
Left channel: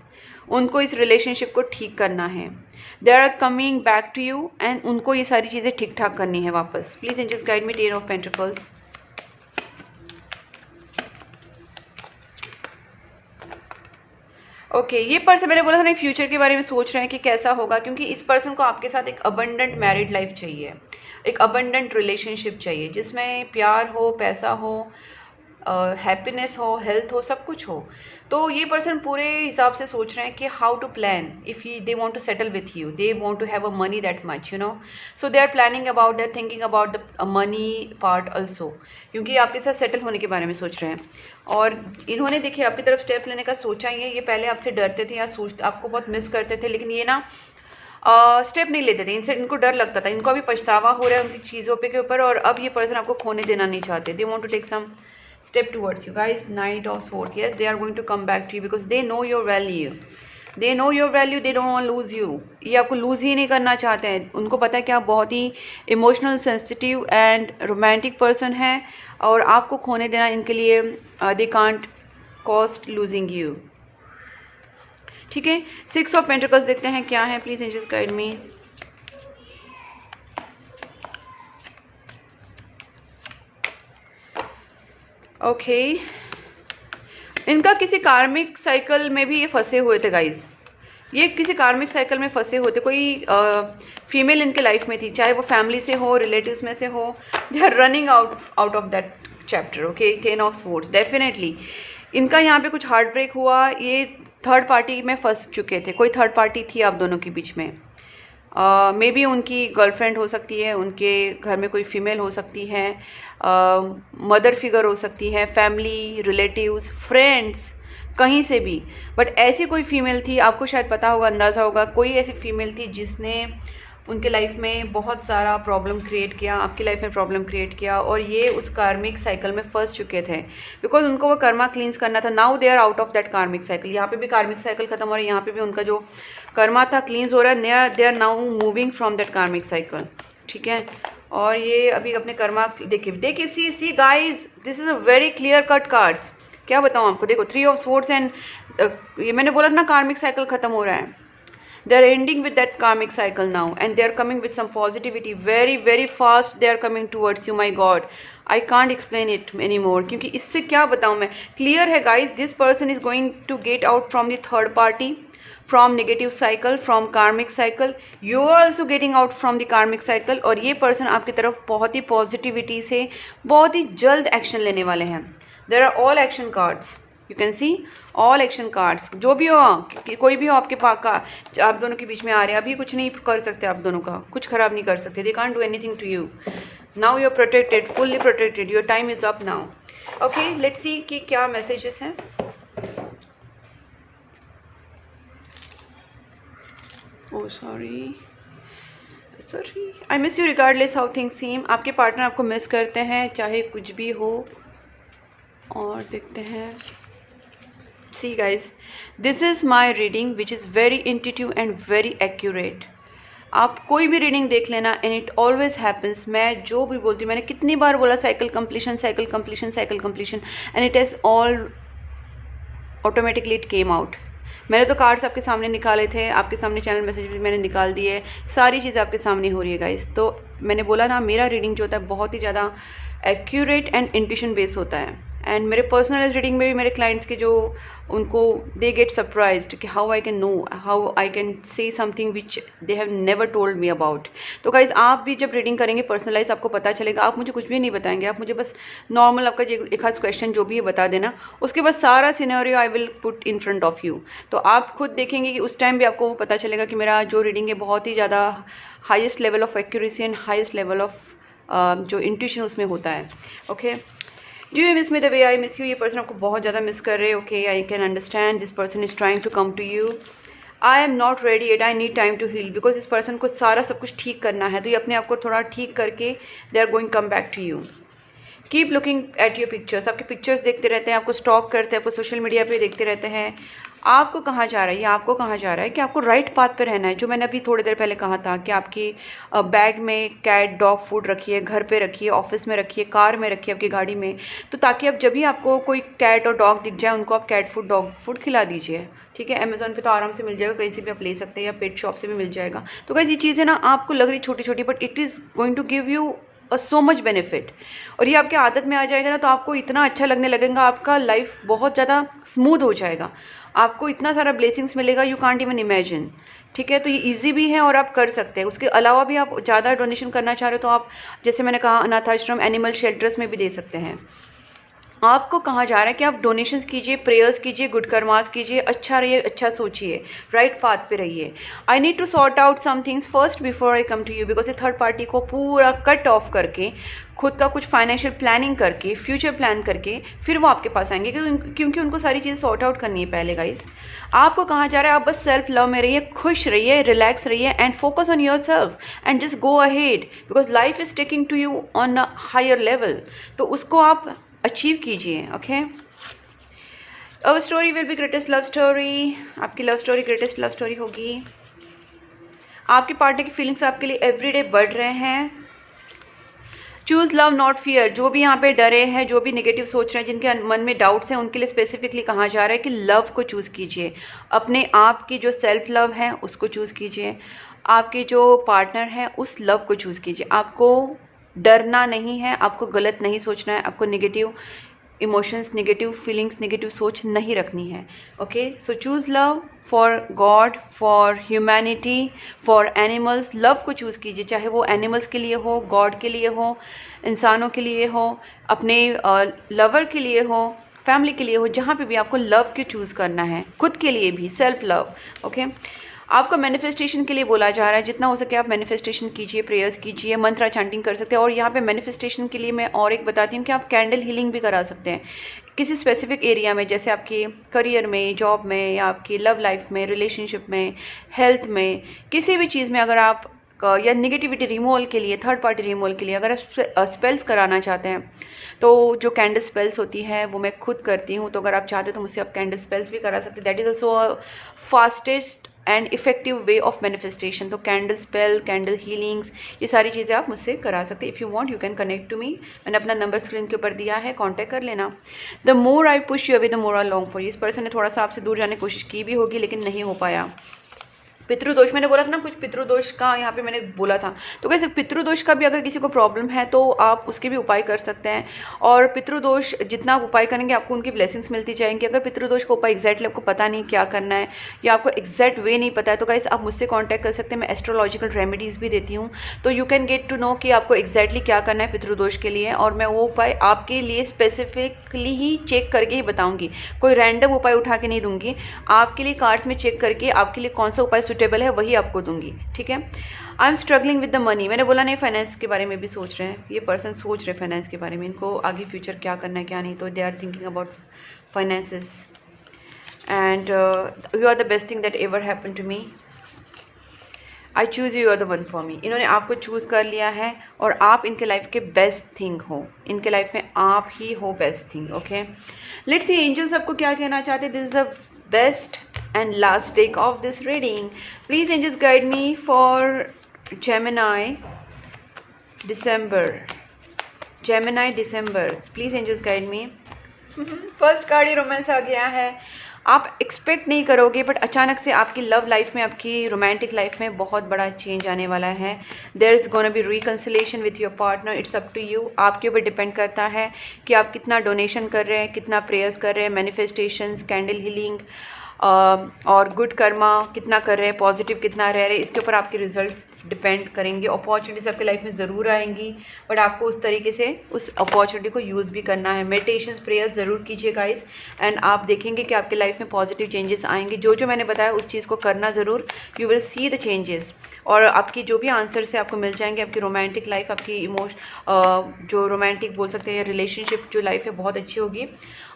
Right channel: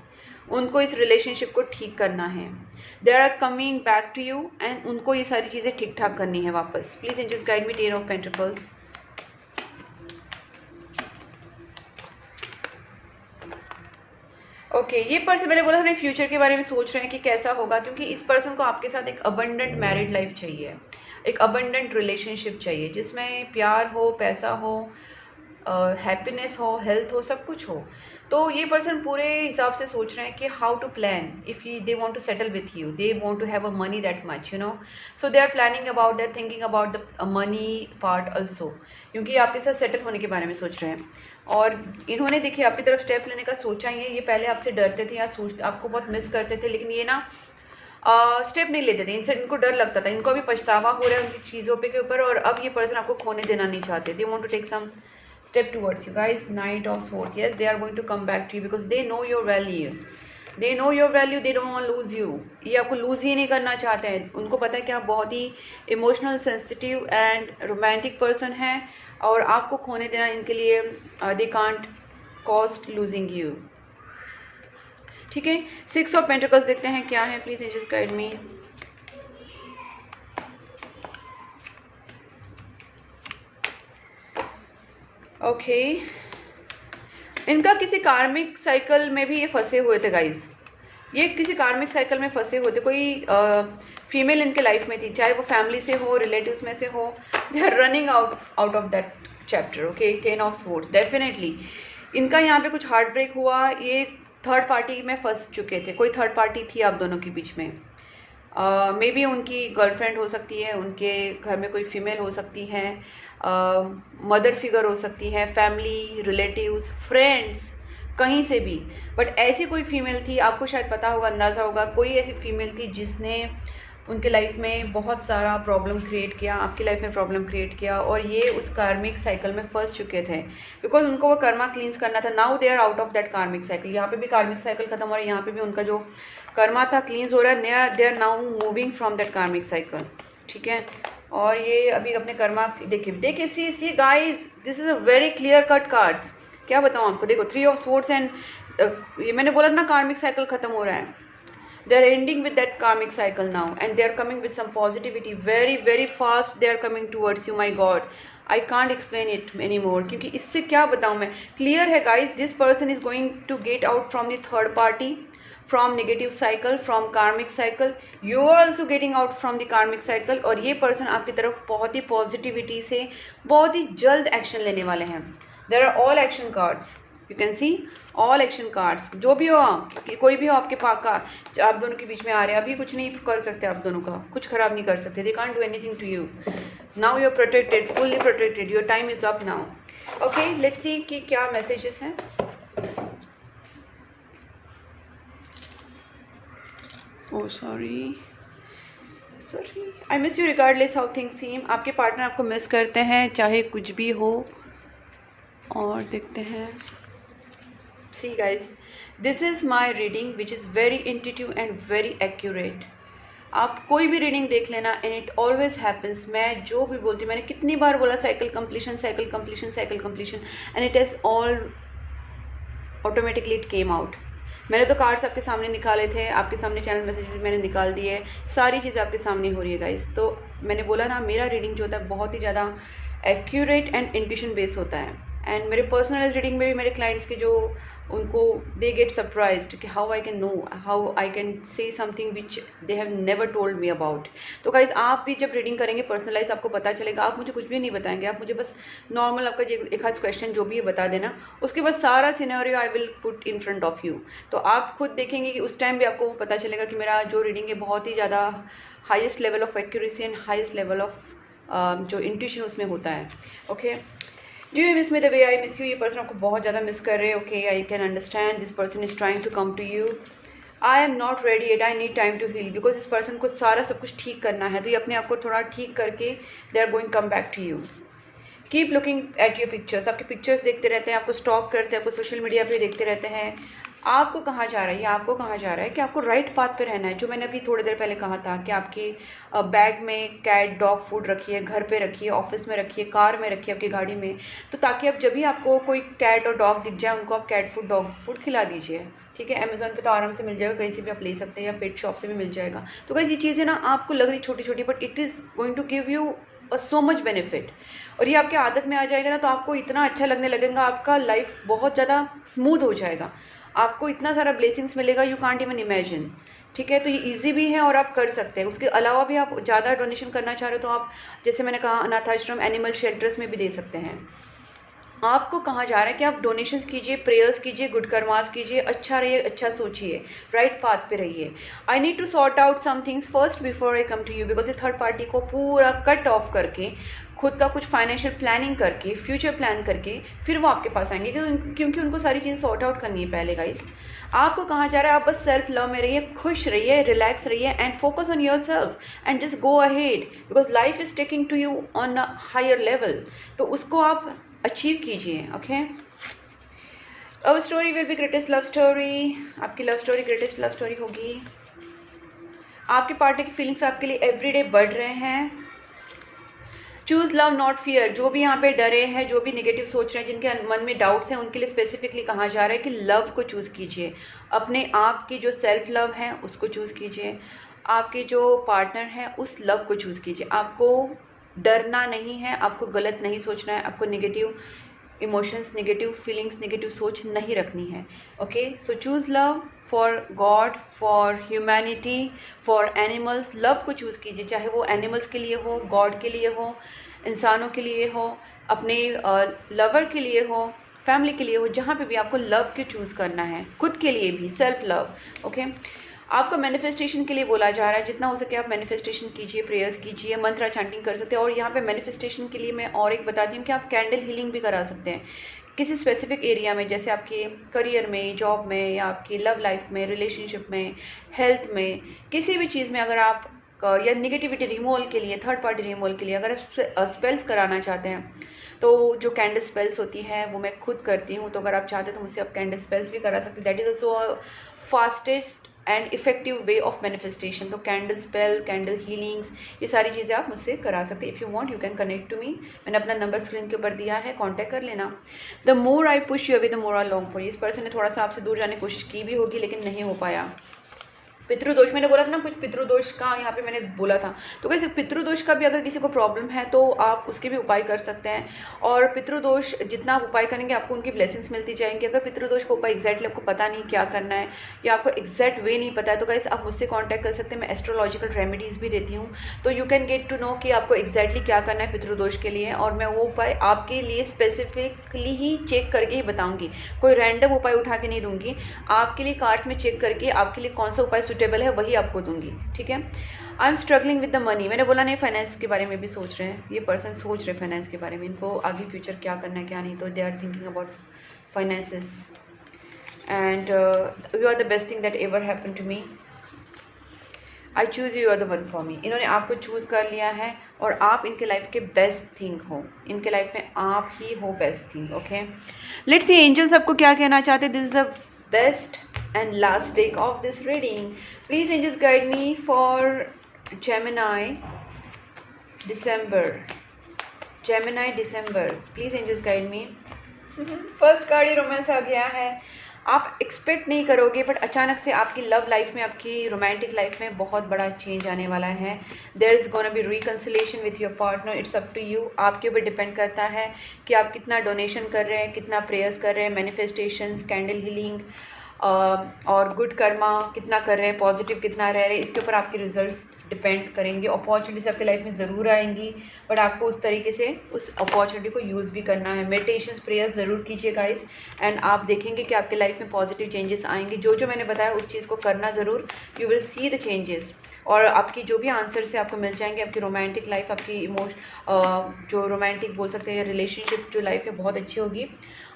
उनको इस रिलेशनशिप को ठीक करना है। They are coming back to you, and उनको ये सारी चीज़ें ठीक ठाक करनी है वापस। Please angels guide me 10 of pentacles. Okay, ये पर्सन मैंने बोला था ना फ्यूचर के बारे में सोच रहे हैं कि कैसा होगा, क्योंकि इस पर्सन को आपके साथ एक अबंडेंट मैरिड लाइफ चाहिए। एक अबंडेंट रिलेशनशिप चाहिए जिसमें प्यार हो, पैसा हो, हैप्पीनेस हो, हेल्थ हो, सब कुछ हो। तो ये पर्सन पूरे हिसाब से सोच रहे हैं कि how to plan if they want to settle with you, they want to have a money that much, you know, so they are planning about that, thinking about the money part also, क्योंकि आपके साथ सेटल होने के बारे में सोच रहे हैं। और इन्होंने देखिए आपकी तरफ स्टेप लेने का सोचा ही है। ये पहले आपसे डरते थे या सोचते, आपको बहुत मिस करते थे, लेकिन ये ना स्टेप नहीं लेते थे, इनसे इनको डर लगता था। इनको अभी पछतावा हो रहा है उनकी चीज़ों पे के ऊपर, और अब ये पर्सन आपको खोने देना नहीं चाहते। They want to take some step towards you guys. Knight of Swords, yes, they are going to come back to you because they know your value, they know your value, they don't want to lose you. ये आपको लूज ही नहीं करना चाहते हैं। उनको पता है कि आप बहुत ही emotional, sensitive and romantic person हैं, और आपको खोने देना इनके लिए they can't cost losing you. ठीक है, 6 ऑफ पेंटिकल्स देखते हैं क्या है, please angels guide me. Okay, इनका किसी कार्मिक साइकिल में भी ये फंसे हुए थे गाइज। ये किसी कार्मिक साइकिल में फंसे हुए थे। कोई फीमेल इनके लाइफ में थी, चाहे वो फैमिली से हो, रिलेटिव्स में से हो। They are running out of that chapter. Okay, 10 of swords, definitely इनका यहाँ पे कुछ हार्ट ब्रेक हुआ। ये थर्ड पार्टी में फंस चुके थे, कोई थर्ड पार्टी थी आप दोनों के बीच में। मे बी उनकी गर्लफ्रेंड हो सकती है, उनके घर में कोई फीमेल हो सकती है, मदर फिगर हो सकती है, फैमिली, रिलेटिव्स, फ्रेंड्स, कहीं से भी। बट ऐसी कोई फीमेल थी, आपको शायद पता होगा, अंदाज़ा होगा, कोई ऐसी फीमेल थी जिसने उनके लाइफ में बहुत सारा प्रॉब्लम क्रिएट किया, आपकी लाइफ में प्रॉब्लम क्रिएट किया, और ये उस कार्मिक साइकिल में फंस चुके थे बिकॉज उनको वो कर्मा क्लींस करना था। Now they are out of that karmic cycle. यहाँ पे भी कार्मिक साइकिल खत्म हो रहा है, यहाँ पे भी उनका जो कर्मा था क्लींस हो रहा है। They are now moving from that karmic cycle. ठीक है, और ये अभी अपने कर्मा देखिए see guys, this is a very clear cut cards. क्या बताऊँ आपको, देखो 3 ऑफ स्वॉर्ड्स एंड ये मैंने बोला था ना कार्मिक साइकिल खत्म हो रहा है। They are ending with that karmic cycle now, and they are coming with some positivity very very fast. They are coming towards you. My God, I can't explain it anymore, क्योंकि इससे क्या बताऊँ मैं। क्लियर है guys, this person is going to get out from the third party, from negative cycle, from karmic cycle. You are also getting out from the karmic cycle, और ये person आपकी तरफ बहुत ही पॉजिटिविटी से बहुत ही जल्द एक्शन लेने वाले हैं। There are all action cards. You can see all action cards. जो भी हो, कोई भी हो आपके पास का, आप दोनों के बीच में आ रहे हैं, अभी कुछ नहीं कर सकते, आप दोनों का कुछ खराब नहीं कर सकते। They can't do anything to you. Now you are protected, fully protected, your time is up now. Okay, let's see कि क्या मैसेजेस हैं। Oh sorry I miss you regardless how things seem. आपके पार्टनर आपको मिस करते हैं चाहे कुछ भी हो। और देखते हैं, see guys, this is my reading which is very intuitive and very accurate. आप कोई भी रीडिंग देख लेना, and it always happens. मैं जो भी बोलती हूँ, मैंने कितनी बार बोला cycle completion, cycle completion, cycle completion, and it has all automatically it came out. मैंने तो कार्ड्स आपके सामने निकाले थे, आपके सामने चैनल मैसेज भी मैंने निकाल दिए, सारी चीज़ आपके सामने हो रही है गाइस। तो मैंने बोला ना, मेरा रीडिंग जो होता है बहुत ही ज़्यादा एक्यूरेट एंड इंट्यूशन बेस होता है। एंड मेरे पर्सनल रीडिंग में भी मेरे क्लाइंट्स के जो उनको दे गेट सरप्राइज्ड कि how I can know, how I can say something which they have never told me about. तो गाइज आप भी जब रीडिंग करेंगे पर्सनलाइज, आपको पता चलेगा। आप मुझे कुछ भी नहीं बताएंगे, आप मुझे बस नॉर्मल आपका एक हाथ क्वेश्चन जो भी है बता देना, उसके बाद सारा scenario I will put in front of you. तो आप खुद देखेंगे कि उस टाइम भी आपको पता चलेगा कि मेरा जो रीडिंग है बहुत ही ज़्यादा highest level of accuracy and highest level of जो इंट्यूशन उसमें होता है। Okay, do you miss me the way I miss you. ये पर्सन आपको बहुत ज़्यादा मिस कर रहे हैं। Okay, I can understand this person is trying to come to you. I am not ready yet, I need time to heal, because इस पर्सन को सारा सब कुछ ठीक करना है। तो ये अपने आप को थोड़ा ठीक करके they are going come back to you. Keep looking at your pictures, आपके पिक्चर्स देखते रहते हैं, आपको स्टॉक करते हैं, आपको सोशल मीडिया पे देखते रहते हैं। आपको कहाँ जा रहा है, ये आपको कहाँ जा रहा है कि आपको राइट पाथ पे रहना है। जो मैंने अभी थोड़ी देर पहले कहा था कि आपकी बैग में कैट डॉग फूड रखिए, घर पे रखिए, ऑफिस में रखिए, कार में रखिए, आपकी गाड़ी में, तो ताकि अब जब भी आपको कोई कैट और डॉग दिख जाए, उनको आप कैट फूड, डॉग फूड खिला दीजिए। ठीक है, अमेजोन पे तो आराम से मिल जाएगा, कहीं से भी आप ले सकते हैं, या पेट शॉप से भी मिल जाएगा। तो गाइस ये चीज़ें ना आपको लग रही छोटी छोटी, but it is going to give you so much benefit. और ये आपके आदत में आ जाएगा ना, तो आपको इतना अच्छा लगने लगेगा, आपका लाइफ बहुत ज़्यादा स्मूथ हो जाएगा, आपको इतना सारा ब्लेसिंग्स मिलेगा, यू कांट इवन इमेजिन। ठीक है, तो ये इजी भी है और आप कर सकते हैं। उसके अलावा भी आप ज़्यादा डोनेशन करना चाह रहे हो तो आप, जैसे मैंने कहा, अनाथ आश्रम, एनिमल शेल्टर्स में भी दे सकते हैं। आपको कहा जा रहा है कि आप डोनेशंस कीजिए, प्रेयर्स कीजिए, गुड कर्मास कीजिए, अच्छा रहिए, अच्छा सोचिए, राइट पाथ पे रहिए। I need to sort out some things first before I come to you, because ये थर्ड पार्टी को पूरा कट ऑफ करके, खुद का कुछ फाइनेंशियल प्लानिंग करके, फ्यूचर प्लान करके फिर वो आपके पास आएंगे, क्योंकि उनको सारी चीज़ें सॉर्ट आउट करनी है पहले गाइस। आपको कहा जा रहा है आप बस सेल्फ लव में रहिए, खुश रहिए, रिलैक्स रहिए and focus on yourself and just go ahead, because life is taking to you on a higher level. तो उसको आप अचीव कीजिए। Okay, our story will be greatest love story. आपकी love story greatest love story होगी। आपके पार्टनर की फीलिंग्स आपके लिए एवरीडे बढ़ रहे हैं। Choose love not fear. जो भी यहाँ पे डरे हैं, जो भी नेगेटिव सोच रहे हैं, जिनके मन में डाउट्स हैं, उनके लिए स्पेसिफिकली कहा जा रहा है कि लव को चूज़ कीजिए। अपने आप की जो सेल्फ लव है उसको चूज़ कीजिए। आपके जो पार्टनर हैं उस लव को चूज़ कीजिए। आपको डरना नहीं है, आपको गलत नहीं सोचना है, आपको negative emotions, negative feelings, negative सोच नहीं रखनी है। Okay, so choose love for God, for humanity, for animals. Love को चूज़ कीजिए, चाहे वो एनिमल्स के लिए हो, गॉड के लिए हो, इंसानों के लिए हो, अपने लवर के लिए हो, फैमिली के लिए हो, जहाँ पे भी आपको लव को चूज़ करना है, खुद के लिए भी सेल्फ लव। ओके, आपको मैनिफेस्टेशन के लिए बोला जा रहा है, जितना हो सके आप मैनिफेस्टेशन कीजिए, प्रेयर्स कीजिए, मंत्र चैंटिंग कर सकते हैं। और यहाँ पे मैनिफेस्टेशन के लिए मैं और एक बताती हूँ कि आप कैंडल हीलिंग भी करा सकते हैं किसी स्पेसिफिक एरिया में, जैसे आपके करियर में, जॉब में, या आपकी लव लाइफ में, रिलेशनशिप में, हेल्थ में, किसी भी चीज़ में अगर आप, या निगेटिविटी रिमूवल के लिए, थर्ड पार्टी रिमूवल के लिए अगर आप स्पेल्स कराना चाहते हैं, तो जो कैंडल स्पेल्स होती है वो मैं खुद करती हूँ। तो अगर आप चाहते हो तो मुझसे आप कैंडल स्पेल्स भी करा सकते हैं। That is also fastest and effective way of manifestation. तो कैंडल स्पेल, कैंडल हीलिंग्स, ये सारी चीज़ें आप मुझसे करा सकते हैं। If you want you can connect to me. मैंने अपना नंबर स्क्रीन के ऊपर दिया है, कांटेक्ट कर लेना। The more I push you away the more I long for. इस पर्सन ने थोड़ा सा आपसे दूर जाने की कोशिश की भी होगी लेकिन नहीं हो पाया। पितृदोष, मैंने बोला था ना कुछ पितृदोष का यहाँ पे मैंने बोला था। तो कैसे पितृदोष का भी अगर किसी को प्रॉब्लम है तो आप उसके भी उपाय कर सकते हैं। और पितृदोष जितना आप उपाय करेंगे आपको उनकी ब्लेसिंग्स मिलती जाएंगी। अगर पितृदोष का उपाय एग्जैक्टली आपको पता नहीं क्या करना है या आपको एग्जैक्ट वे नहीं पता है तो गाइस आप मुझसे कॉन्टैक्ट कर सकते हैं। मैं एस्ट्रोलॉजिकल रेमेडीज़ भी देती हूँ, तो you can get to know कि आपको एग्जैक्टली क्या करना है पितृदोष के लिए, और मैं वो उपाय आपके लिए स्पेसिफिकली ही चेक करके ही बताऊँगी। कोई रैंडम उपाय उठा के नहीं दूंगी, आपके लिए कार्ड्स में चेक करके आपके लिए कौन सा उपाय सुटेबल है वही आपको दूंगी। ठीक है, I am struggling with the money. मैंने बोला नहीं, फाइनेंस के बारे में भी सोच रहे हैं, ये पर्सन सोच रहे हैं फाइनेंस के बारे में, इनको आगे फ्यूचर क्या करना है क्या नहीं, तो they are thinking about finances and you are the best thing that ever happen to me. I choose you are the one for me. इन्होंने आपको चूज़ कर लिया है और आप इनके लाइफ के बेस्ट थिंग हो, इनके लाइफ में आप ही हो best thing. Okay, let's see angels आपको क्या कहना चाहते हैं। This is the best and last take of this reading. Please angels guide me for Gemini December. Gemini December, please angels guide me. First card ही रोमांस आ गया है। आप एक्सपेक्ट नहीं करोगे बट अचानक से आपकी लव लाइफ में, आपकी रोमांटिक लाइफ में बहुत बड़ा चेंज आने वाला है। There is gonna be reconciliation with your partner. It's up to you. आपके ऊपर डिपेंड करता है कि आप कितना डोनेशन कर रहे हैं, कितना प्रेयर्स कर रहे हैं, मैनिफेस्टेशंस, कैंडल हीलिंग और गुड कर्मा कितना कर रहे हैं, पॉजिटिव कितना रह रहे हैं, इसके ऊपर आपके रिजल्ट्स डिपेंड करेंगे। अपॉर्चुनिटीज आपकी लाइफ में ज़रूर आएंगी बट आपको उस तरीके से उस अपॉर्चुनिटी को यूज़ भी करना है। मेडिटेशंस, प्रेयर्स ज़रूर कीजिए गाइस एंड आप देखेंगे कि आपके लाइफ में पॉजिटिव चेंजेस आएंगे। जो जो मैंने बताया उस चीज़ को करना ज़रूर, you will see the changes और आपकी जो भी आंसर से आपको मिल जाएंगे। आपकी रोमांटिक लाइफ, आपकी जो रोमांटिक बोल सकते हैं रिलेशनशिप जो लाइफ है बहुत अच्छी होगी।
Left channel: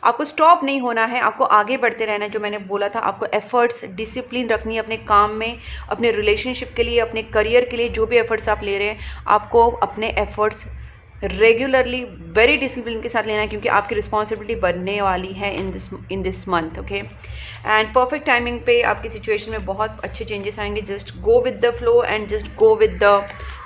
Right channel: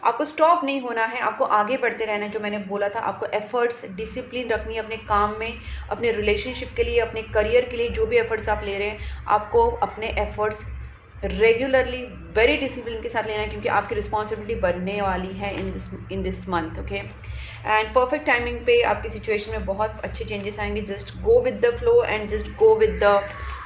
आपको स्टॉप नहीं होना है, आपको आगे बढ़ते रहना है। जो मैंने बोला था, आपको एफर्ट्स, डिसिप्लिन रखनी है अपने काम में, अपने रिलेशनशिप के लिए, अपने करियर के लिए। जो भी एफर्ट्स आप ले रहे हैं आपको अपने एफर्ट्स रेगुलरली वेरी डिसिप्लिन के साथ लेना है क्योंकि आपकी रिस्पॉन्सिबिलिटी बढ़ने वाली है इन this month. Okay, and perfect timing पे आपकी सिचुएशन में बहुत अच्छे चेंजेस आएंगे। Just go with the flow and just go with the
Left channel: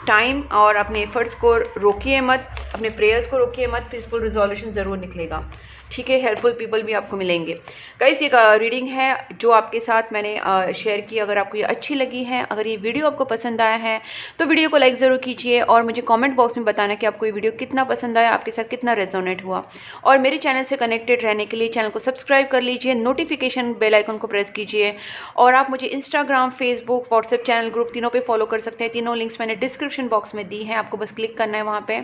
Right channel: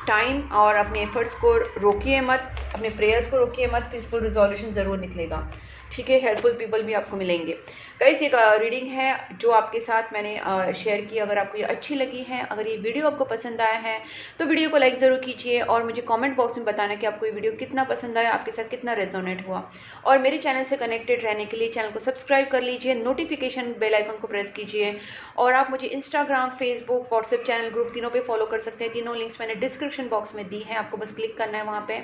time और अपने एफर्ट्स को रोकिए मत, अपने प्रेयर्स को रोकिए मत। पीसफुल रिजोल्यूशन ज़रूर निकलेगा। ठीक है, हेल्पफुल पीपल भी आपको मिलेंगे। गाइस ये रीडिंग है जो आपके साथ मैंने शेयर की। अगर आपको ये अच्छी लगी है, अगर ये वीडियो आपको पसंद आया है तो वीडियो को लाइक ज़रूर कीजिए और मुझे कमेंट बॉक्स में बताना कि आपको ये वीडियो कितना पसंद आया। आपके साथ कितना रेजोनेट हुआ। और मेरे चैनल से कनेक्टेड रहने के लिए चैनल को सब्सक्राइब कर लीजिए, नोटिफिकेशन बेल आइकन को प्रेस कीजिए। और आप मुझे Instagram, Facebook, WhatsApp channel, group तीनों पे फॉलो कर सकते हैं। तीनों लिंक्स मैंने डिस्क्रिप्शन बॉक्स में दी हैं, आपको बस क्लिक करना है वहाँ पे।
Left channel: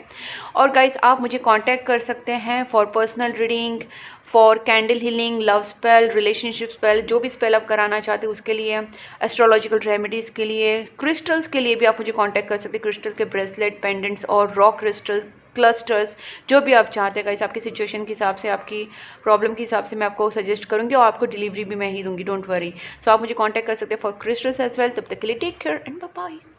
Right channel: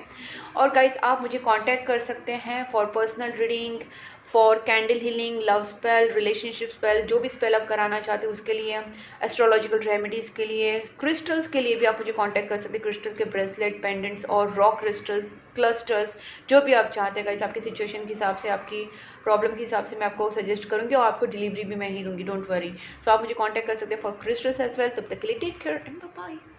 और गाइज आप मुझे कांटेक्ट कर सकते हैं for personal reading, for candle healing, love spell, relationship spell, जो भी स्पेल आप कराना चाहते हैं उसके लिए, एस्ट्रोलॉजिकल रेमेडीज़ के लिए, क्रिस्टल्स के लिए भी आप मुझे कांटेक्ट कर सकते हैं। क्रिस्टल के ब्रेसलेट, पेंडेंट्स और रॉक क्रिस्टल क्लस्टर्स, जो भी आप चाहते हैं गाइस, आपकी सिचुएशन के हिसाब से, आपकी प्रॉब्लम के हिसाब से मैं आपको सजेस्ट करूँगी और आपको डिलीवरी भी मैं ही दूंगी, डोंट वरी। सो आप मुझे कांटेक्ट कर सकते हैं फॉर क्रिस्टल्स एज वेल। तब तक के लिए take care and bye bye.